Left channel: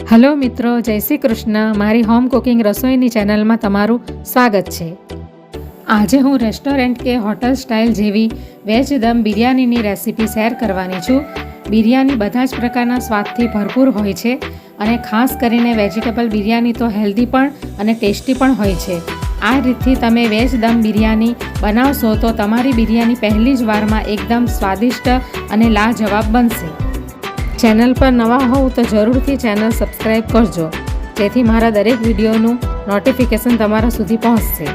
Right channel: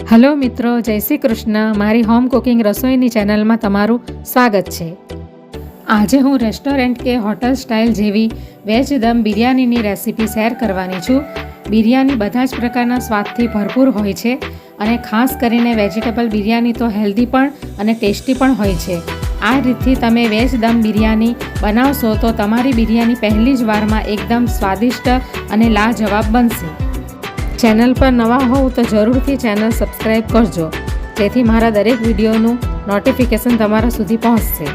Hello મિત્રો, જય શ્રી કૃષ્ણ. મારી હોમ કુકિંગ રસોઈની ચેનલમાં તમારું સ્વાગત છે. આજે હું રેસ્ટોરન્ટ કે હોટલ સ્ટાઇલ જેવી વેજ દમ બિરયાનીની રેસીપી શેર કરવાની છું. બિરયાની બધા જ પ્રકારના સ્વાદથી ભરપૂર હોય છે અને ખાસ કરીને વેજીટેબલ બિરયાની તો હેલ્ધી પણ અને ટેસ્ટી પણ હોય છે. આ રીતથી તમે વેજ દમ બિરયાની બનાવશો તો તમારી બિરયાની પહેલી જ વારમાં એકદમ સ્વાદિષ્ટ અને લાજવાબ બનશે. ચેનલ પર નવા હોવ તો જરૂરથી ચેનલ સબસ્ક્રાઈબ કરજો, જેથી મારા દરેક વિડીયોનું નોટિફિકેશન તમારા સુધી પહોંચશે.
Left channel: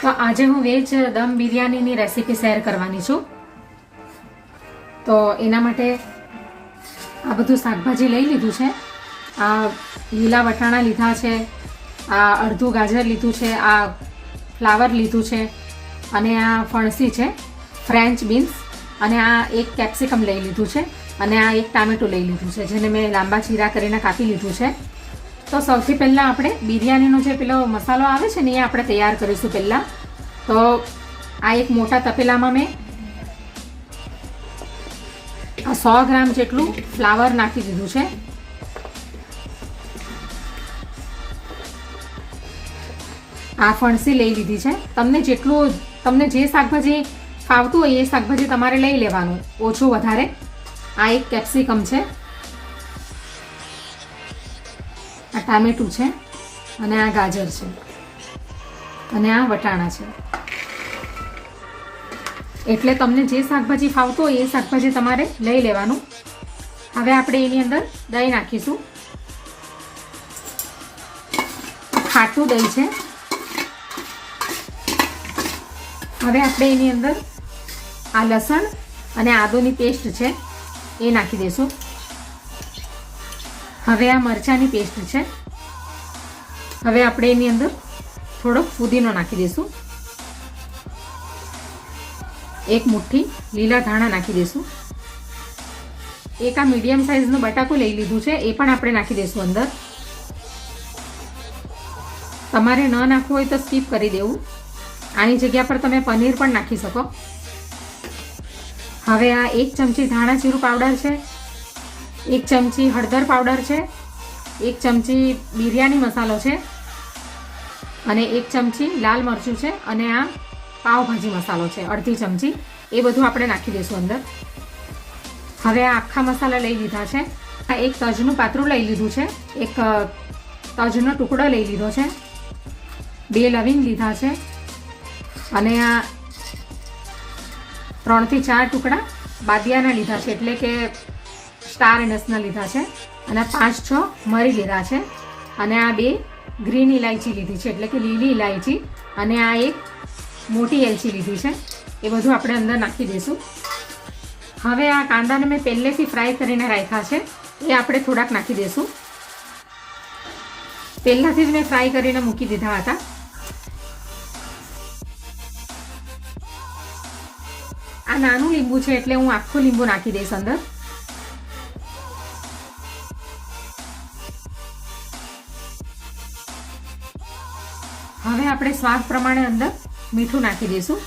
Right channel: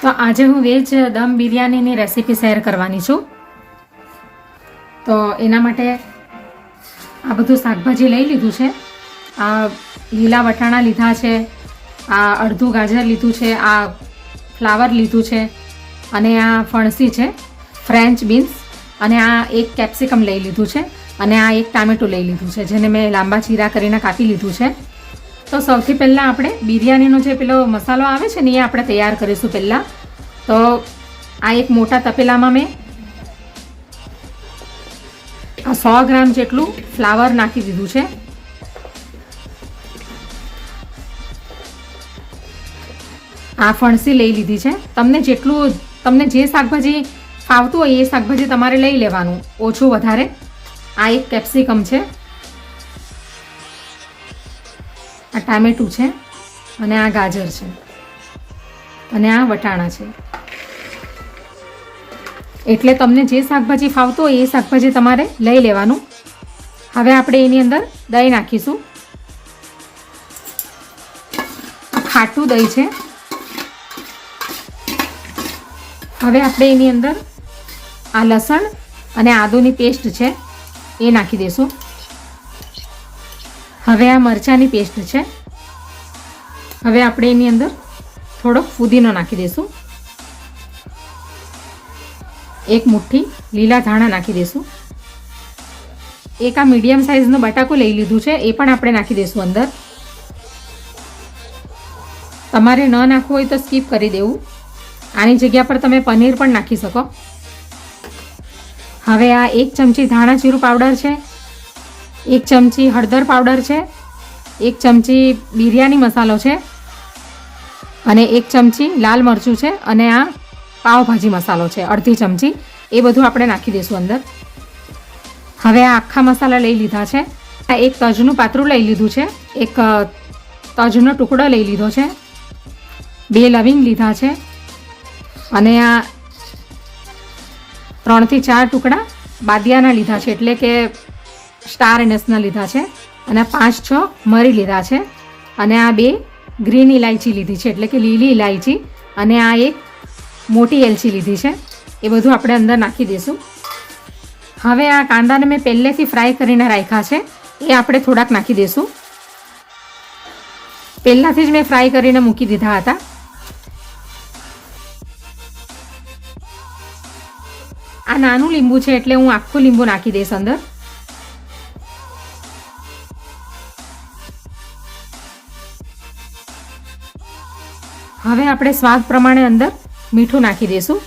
તો આજે હું વેજ દમ બિરયાનીની રેસીપી શેર કરવાની છું. તો એના માટે આ બધું શાકભાજી લઈ લીધું છે. આ લીલા વટાણા લીધા છે, આ અડધું ગાજર લીધું છે, આ ફ્લાવર લીધું છે, અને આ ફણસી છે, ફ્રેન્ચ બીન્સ, અને આ એક કેપ્સિકમ લઈ લીધું છે, અને આ એક ટામેટું લઈ લીધું છે, જેને મેં લાંબા ચીરા કરીને કાપી લીધું છે. તો સૌથી પહેલાં આપણે બિરયાનીનો જે પેલો મસાલો આવે છે ને એ આપણે તૈયાર કરીશું. પહેલાં તો આ એક મોટા તપેલામાં મેં 100 ગ્રામ જેટલું ફ્લાવર નાખી દીધું છે. આ ફણસી લઈ લીધી છે. તમને જે શાકભાજી ફાવતું હોય એ શાકભાજી તમારે લઈ લેવાનું, ઓછું વધારે. આ એક કેપ્સિકમ છે, આ ટામેટું છે, અને આ ગાજર છે, અને આ વટાણા છે. એટલે તમને જે શાકભાજી ફાવતું હોય એ શાકભાજી તમારે લઈ લેવાનું. હવે આપણે એની અંદર દહીં નાખીશું. ખાટું દહીં છે. હવે આપણે એની અંદર આ લસણ અને આદુની પેસ્ટ છે એ નાખી દઈશું. હવે આ મરચાંની પેસ્ટ છે. હવે આપણે એની અંદર થોડોક ફુદીનો નાખી દઈશું. એક મુઠ્ઠી લીલા ધાણા નાખી દઈશું. એક આ મીડિયમ સાઇઝનું બટાકું લઈ લીધું છે, એ પણ આપણે નાખી દઈશું અંદર. તમારે ન નાખવું હોય તો સ્કીપ કરી દેવું. આની જગ્યા પર તમે પનીર પણ નાખી શકો. હવે આ 1 ચમચી ધાણા જીરું પાવડર છે, 1 ચમચી હળદર પાવડર છે, 1 ચમચી બિરયાની મસાલો છે, અને 1 ચમચી લાલ મરચું છે, અને આ પાવભાજી મસાલો છે અડધી ચમચી. એ બધું આપણે નાખી દઈશું અંદર. હવે આ આખા મસાલા લઈ લીધા છે. આ એક તજનું પાતળું લઈ લીધું છે, એક તજનો ટુકડો લઈ લીધો છે, 2 લવિંગ લીધા છે, અને આ 3 થી 4 ટુકડા બાદિયાના લીધા છે, એટલે કે સ્ટાર એનસના લીધા છે, અને 5-6 મરી લીધા છે, અને આ 2 ગ્રીન ઇલાયચી લીધી છે, એટલે કે લીલી ઇલાયચી, અને આ એક મોટી એલચી લીધી છે. એ બધું આપણે અંદર નાખી દઈશું. હવે આ કાંદાને મેં પહેલેથી ફ્રાય કરીને રાખ્યા છે, એ આપણે થોડાક નાખી દઈશું. પહેલાંથી જ મેં ફ્રાય કરીને મૂકી દીધા હતા. આ નાનું લીંબુ છે એટલે હું આખું લીંબુ નાખી દઈશ અંદર. હવે આપણે સ્વાદ પ્રમાણે અંદર મીઠું નાખી દઈશું.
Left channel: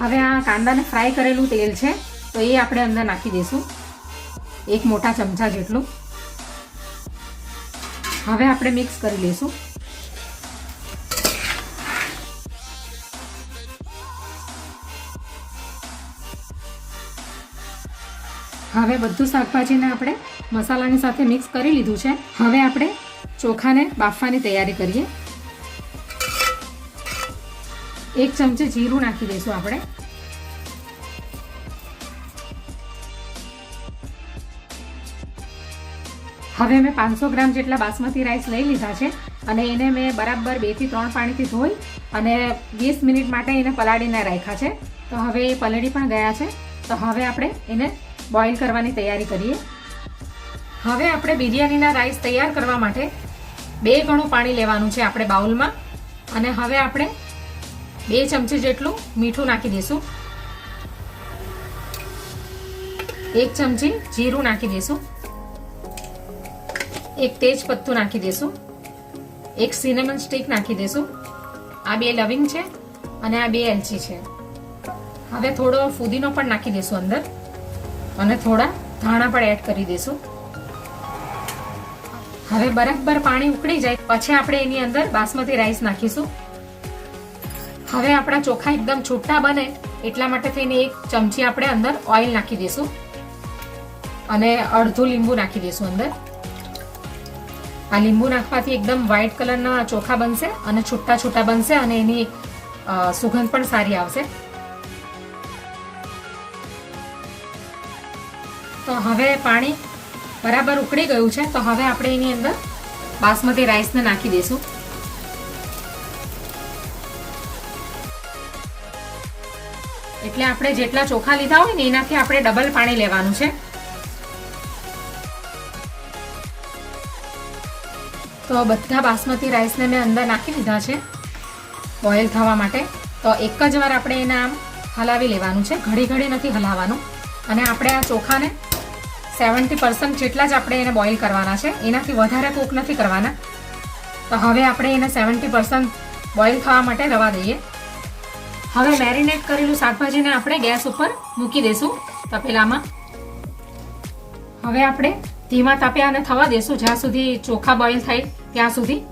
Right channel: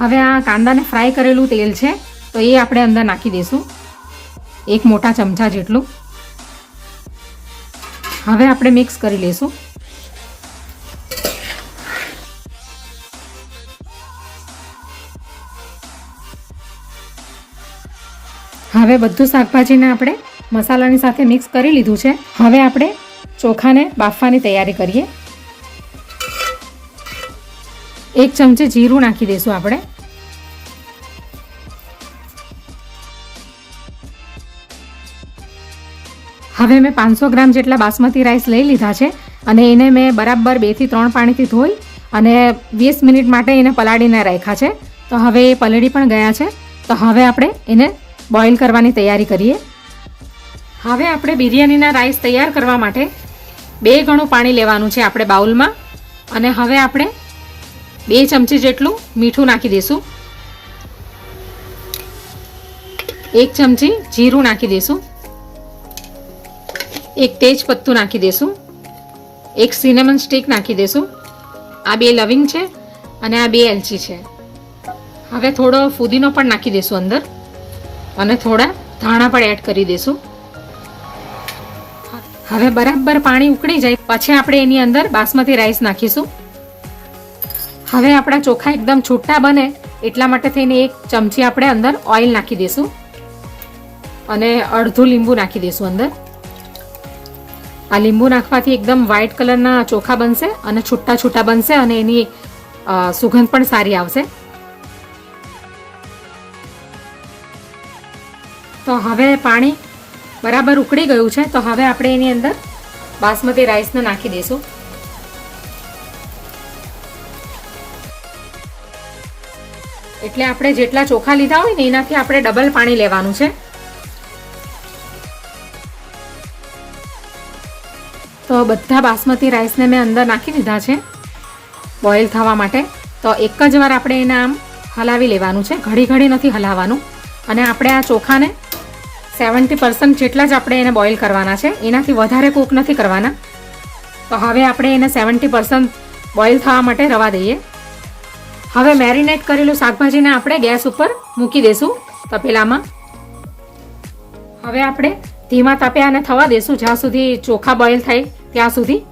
હવે આ કાંદાને ફ્રાય કરેલું તેલ છે તો એ આપણે અંદર નાખી દઈશું, 1 મોટા ચમચા જેટલું. હવે આપણે મિક્સ કરી લઈશું. હવે બધું શાકભાજીને આપણે મસાલાની સાથે મિક્સ કરી લીધું છે. હવે આપણે ચોખાને બાફવાની તૈયારી કરીએ. 1 ચમચી જીરું નાખી દઈશું આપણે. હવે મેં 500 ગ્રામ જેટલા બાસમતી રાઈસ લઈ લીધા છે, અને એને મેં બરાબર 2 થી 3 પાણીથી ધોઈ અને 20 મિનિટ માટે એને પલાળીને રાખ્યા છે. તો હવે એ પલળી પણ ગયા છે. તો હવે આપણે એને બોઇલ કરવાની તૈયારી કરીએ. હવે આપણે બિરયાનીના રાઈસ તૈયાર કરવા માટે 2 ગણું પાણી લેવાનું છે આપણે બાઉલમાં. અને હવે આપણે 2 ચમચી જેટલું મીઠું નાખી દઈશું, 1 ચમચી જીરું નાખી દઈશું, 1 તેજ પત્તું નાખી દઈશું, 1 સિનેમન સ્ટિક નાખી દઈશું. આ 2 લવિંગ છે અને આ 2 એલચી છે. હવે થોડો ફુદીનો પણ નાખી દઈશું અંદર અને થોડા ધાણા પણ એડ કરી દઈશું. હવે બરાબર પાણી ઉકળી જાય પછી આપણે એની અંદર બાસમતી રાઈસ નાખીશું. હવે આપણા ચોખા એકદમ છૂટા બને એટલા માટે થઈને 1 ચમચી આપણે અંદર ઓઇલ નાખી દઈશું અને અડધું લીંબુ નાખી દઈશું અંદર. આ લીંબુ નાખવાથી એકદમ વ્હાઈટ કલરના ચોખા બનશે અને છૂટા છૂટા બનશે અને એની સુગંધ પણ સારી આવશે. તો હવે પાણી બરાબર ઉકળી ગયું છે, તો હવે આપણે એની અંદર બાસમતી રાઈસને નાખી દઈશું. એટલે આપણે જેટલા ચોખા લીધા હોય ને એનાથી આપણે ડબલ પાણી લેવાનું છે. તો બધા બાસમતી રાઈસને મેં અંદર નાખી દીધા છે બોઇલ થવા માટે. તો એક જ વાર આપણે એને આમ હલાવી લેવાનું છે, ઘડી ઘડી નથી હલાવવાનું. અને આપણે આ ચોખાને 70% જેટલા જ આપણે એને બોઇલ કરવાના છે, એનાથી વધારે કૂક નથી કરવાના. તો હવે આપણે એને 70% બોઇલ થવા માટે રવા દઈએ. હવે મેરિનેટ કરેલું શાકભાજીને આપણે ગેસ ઉપર મૂકી દઈશું તપેલામાં. હવે આપણે ધીમા તાપે આને થવા દઈશું જ્યાં સુધી ચોખા બોઇલ થાય ત્યાં સુધી.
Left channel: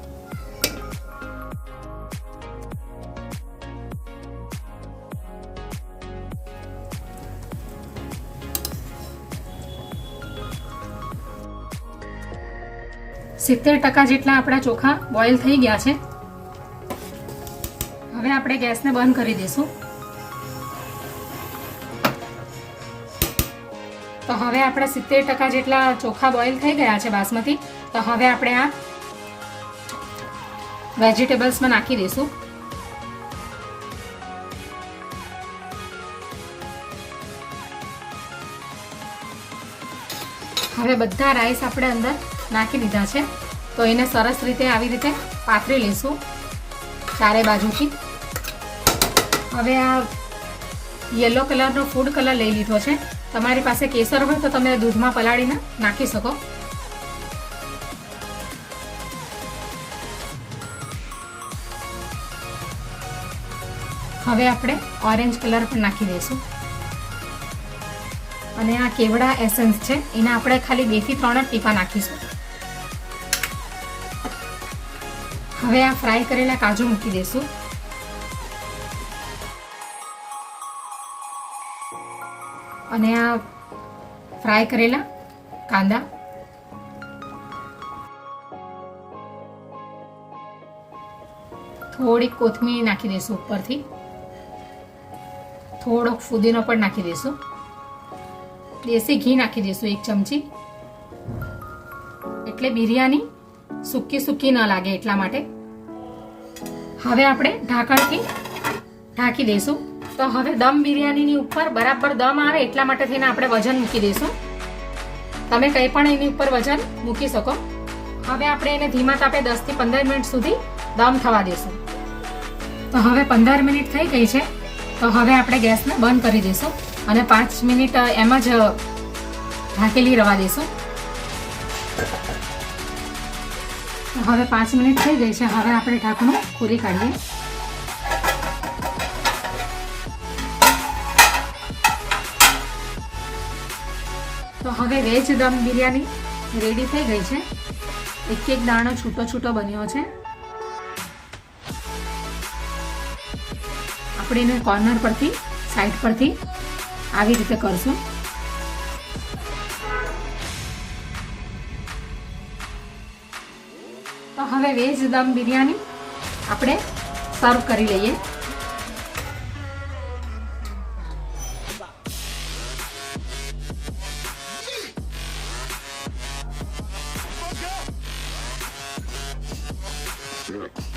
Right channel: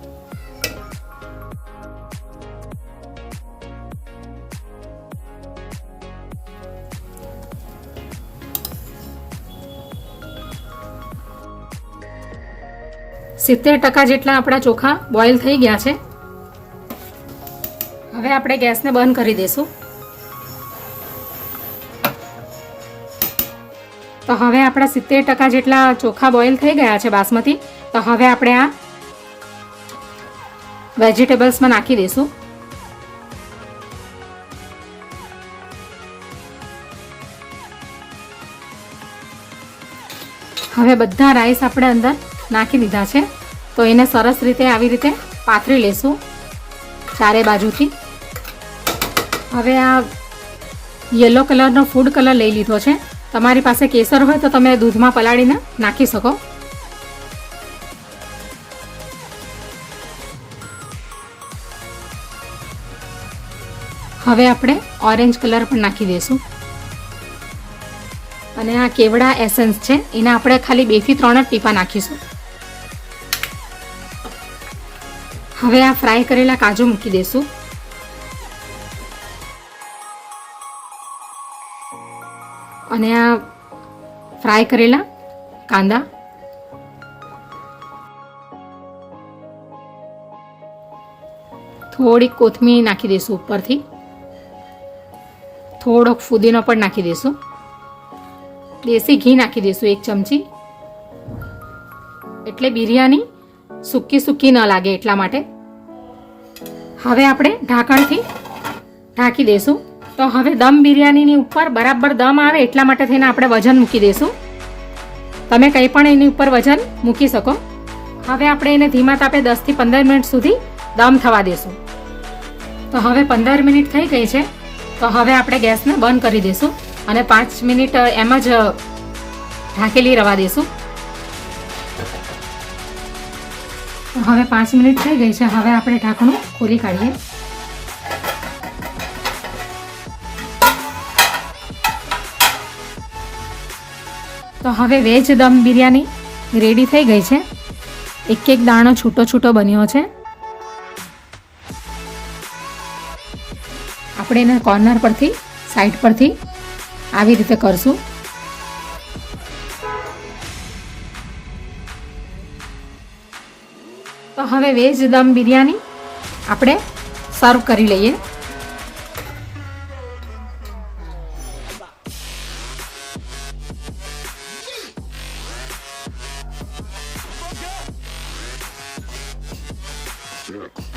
સિત્તેર ટકા જેટલા આપણા ચોખા બોઇલ થઈ ગયા છે. હવે આપણે ગેસને બંધ કરી દઈશું. તો હવે આપણા 70% જેટલા ચોખા બોઇલ થઈ ગયા છે બાસમતી. તો હવે આપણે આ વેજીટેબલ્સમાં નાખી દઈશું. હવે બધા રાઈસ આપણે અંદર નાખી દીધા છે. તો એને સરસ રીતે આવી રીતે પાથરી લેશું ચારે બાજુથી. હવે આ યલો કલરનો ફૂડ કલર લઈ લીધો છે. તમારી પાસે કેસર હોય તો તમે દૂધમાં પલાળીને નાખી શકો. હવે આપણે ઓરેન્જ કલર પણ નાખી દઈશું. અને આ કેવડા એસન્સ છે એના આપણે ખાલી 2 થી 3 જ ટીપા નાખીશું. હવે આ ફ્રાય કરેલા કાજુ મૂકી દઈશું. અને આ ફ્રાય કરેલા કાંદા, થોડીક કોથમીર નાખી દઈશું ઉપરથી, થોડોક ફુદીનો પણ નાખી દઈશું, દેશી ઘી નાખી દઈશું 1 ચમચી, એટલે બિરયાની સૂકી સૂકી ન લાગે એટલા માટે. હવે આપણે ઢાંકણથી ઢાંકી દઈશું. તો હવે દમ બિરયાનીની ઉપર બરાબર દમ આવે એટલા માટે થઈને આપણે વજન મૂકી દઈશું. તમે કંઈ પણ એની ઉપર વજન મૂકી શકો. હવે આપણે એને ધીમા તાપે 10 થી 15 મિનિટ સુધી દમ થવા દઈશું. તો હવે 15 મિનિટ થઈ ગઈ છે. તો હવે આપણે ગેસને બંધ કરી દઈશું અને 5 મિનિટ એમ જ ઢાંકેલી રવા દઈશું. હવે 5 મિનિટ થઈ ગઈ છે. હવે આપણે ઢાંકણું ખોલી કાઢીએ. તો હવે વેજ દમ બિરયાની રેડી થઈ ગઈ છે. એક એક દાણો છૂટો છૂટો બન્યો છે. આપણે એને કોર્નર પરથી સાઈડ પરથી આવી રીતે કરશું. તો હવે વેજ દમ બિરયાની આપણે સર્વ કરી લઈએ.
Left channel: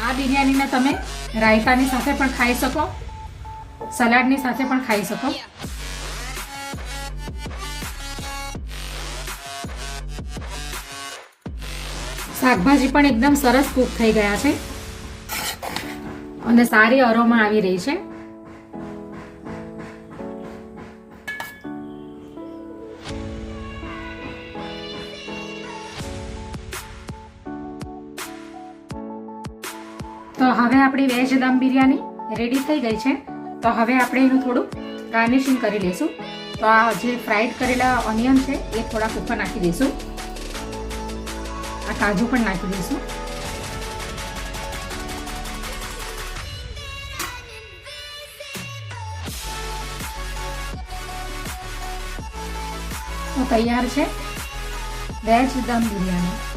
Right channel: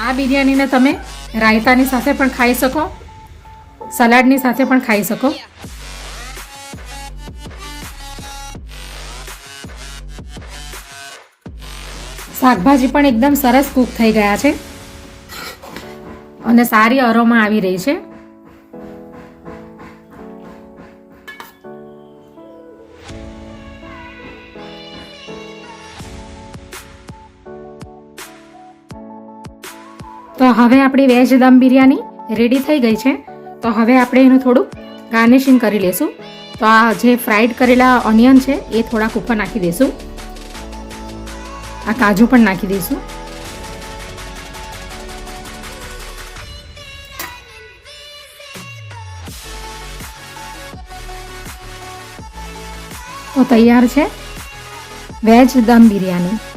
આ બિરયાનીને તમે રાયતાની સાથે પણ ખાઈ શકો, સલાડની સાથે પણ ખાઈ શકો. શાકભાજી પણ એકદમ સરસ કૂક થઈ ગયા છે. અને સારી અરોમા આવી રહી છે. તો હવે આપણી વેજ દમ બિરયાની રેડી થઈ ગઈ છે. તો હવે આપણે એનું થોડું ગાર્નિશિંગ કરી લઈશું. તો આ જે ફ્રાઈડ કરેલા ઓનિયન છે એ થોડાક ઉપર નાખી દઈશું. આ કાજુ પણ નાખી દઈશું. તો તૈયાર છે વેજ દમ બિરયાની.